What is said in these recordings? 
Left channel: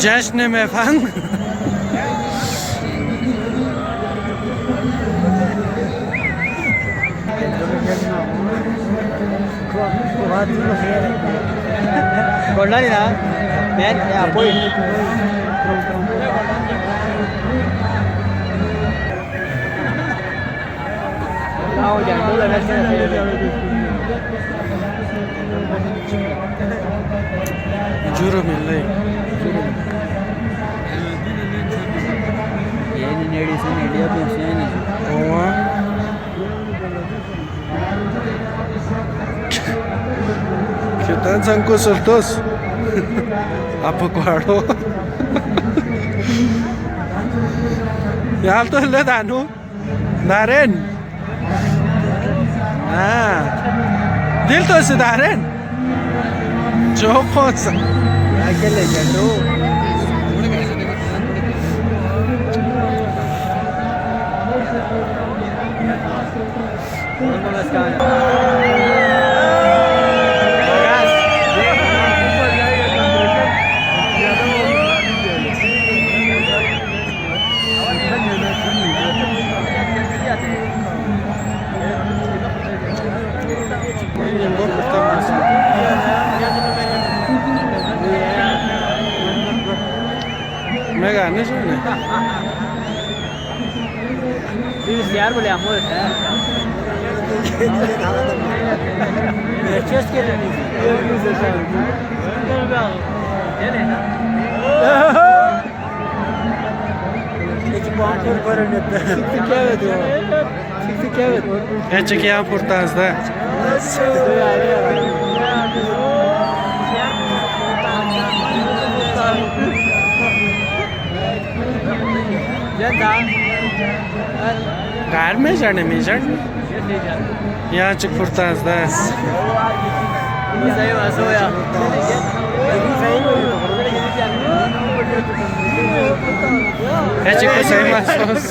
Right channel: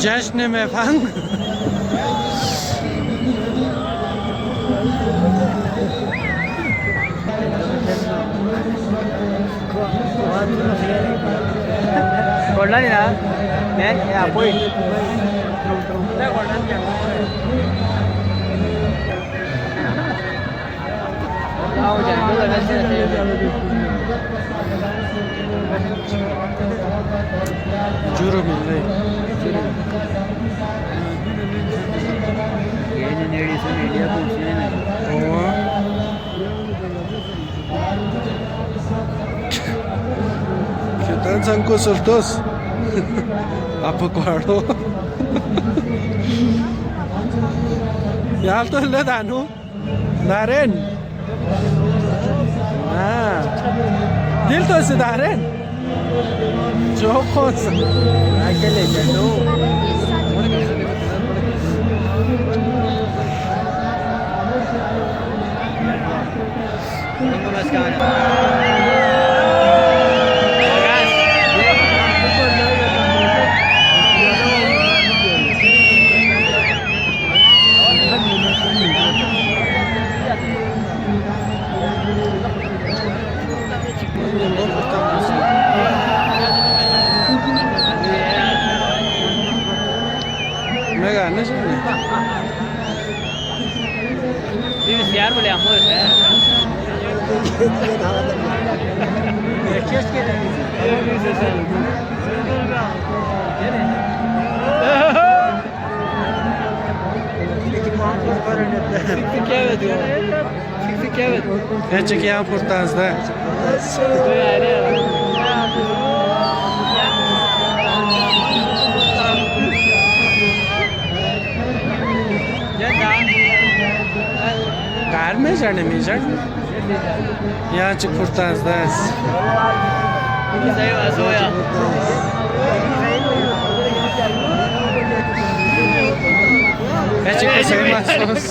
जश्न में फंग बोलना नहीं ना मैं आपको जूरो मिल रही se están zancudos dos a poco aro ya alto le danu Naren dil to se Naren jo cosa aquele gato me gané eso no sí यार बोले हम é que é importante da कार में जाने में जान यहाँ चिक फुर्तास दास है चिक को सही मासूस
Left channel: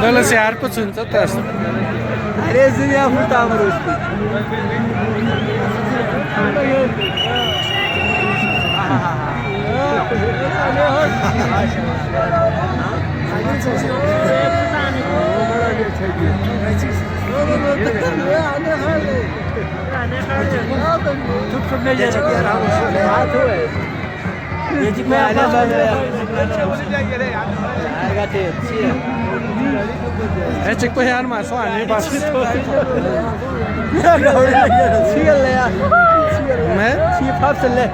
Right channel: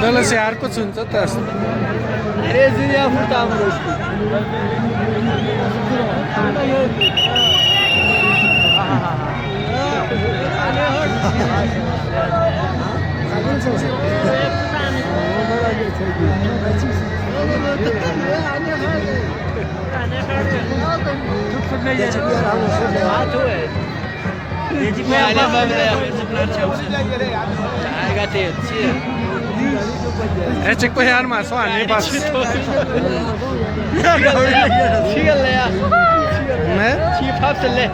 दोनों से यार कुछ सुनता था अरे जिया फुर्ता मरो उसकी é tipo real mas só nem passa né tipo absole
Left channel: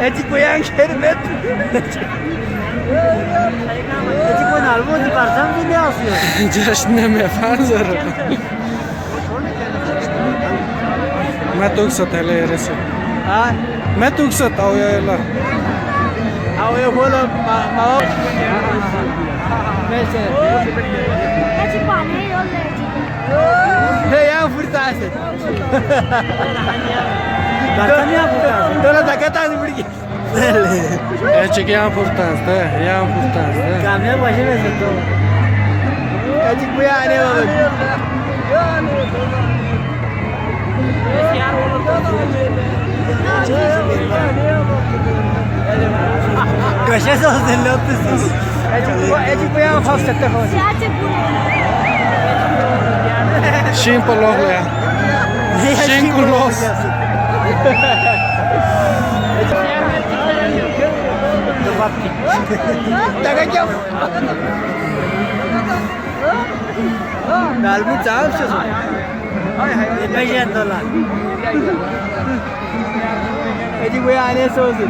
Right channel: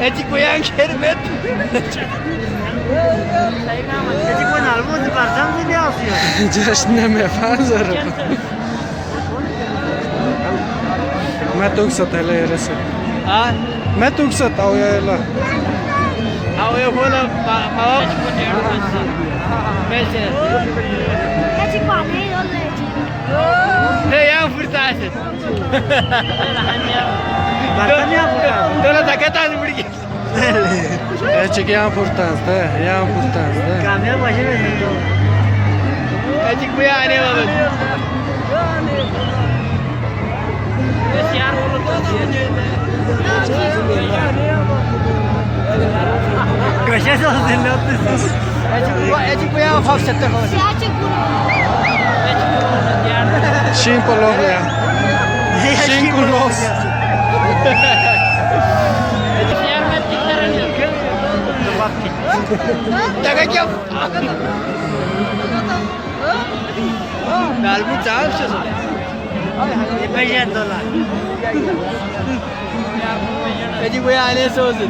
é tipo yang şerbet tipo algo de parçam ne asıyor jashne me fazar मैं तुक सतले रे से हां मैं तुक सताओ याला आओ ये बोला आओ कैसे हे या फुरता से बातनिया फुरता तेरा जगता नहीं पड़ी é que é importante é importante câmera baixo में तो é que कोई आने वाला कैसे सोचते लोग ऐसी कोई आप फंस सकते हो simple लोग ले simple लोग तक क्या गालबू चाव से कैसे अंदला ऐसी कोई आने सोचते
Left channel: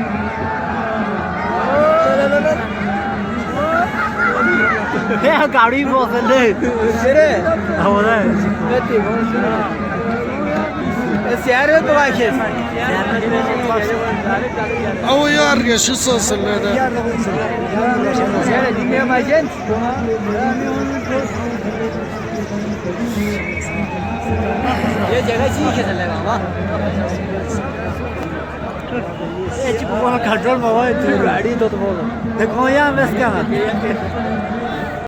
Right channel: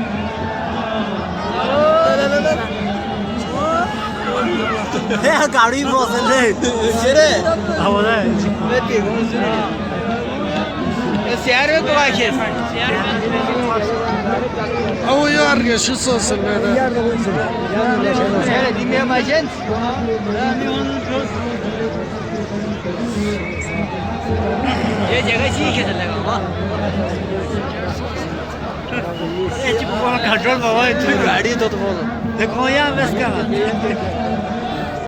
गाड़ी पसंद है शहर में तो आके او يارجع شو صوص هذا ये जगह ठीक है लगा वाह याची कोणाला खड्डल बाबा गाडी येतो तुम्हाला हे कोण या व्यस्त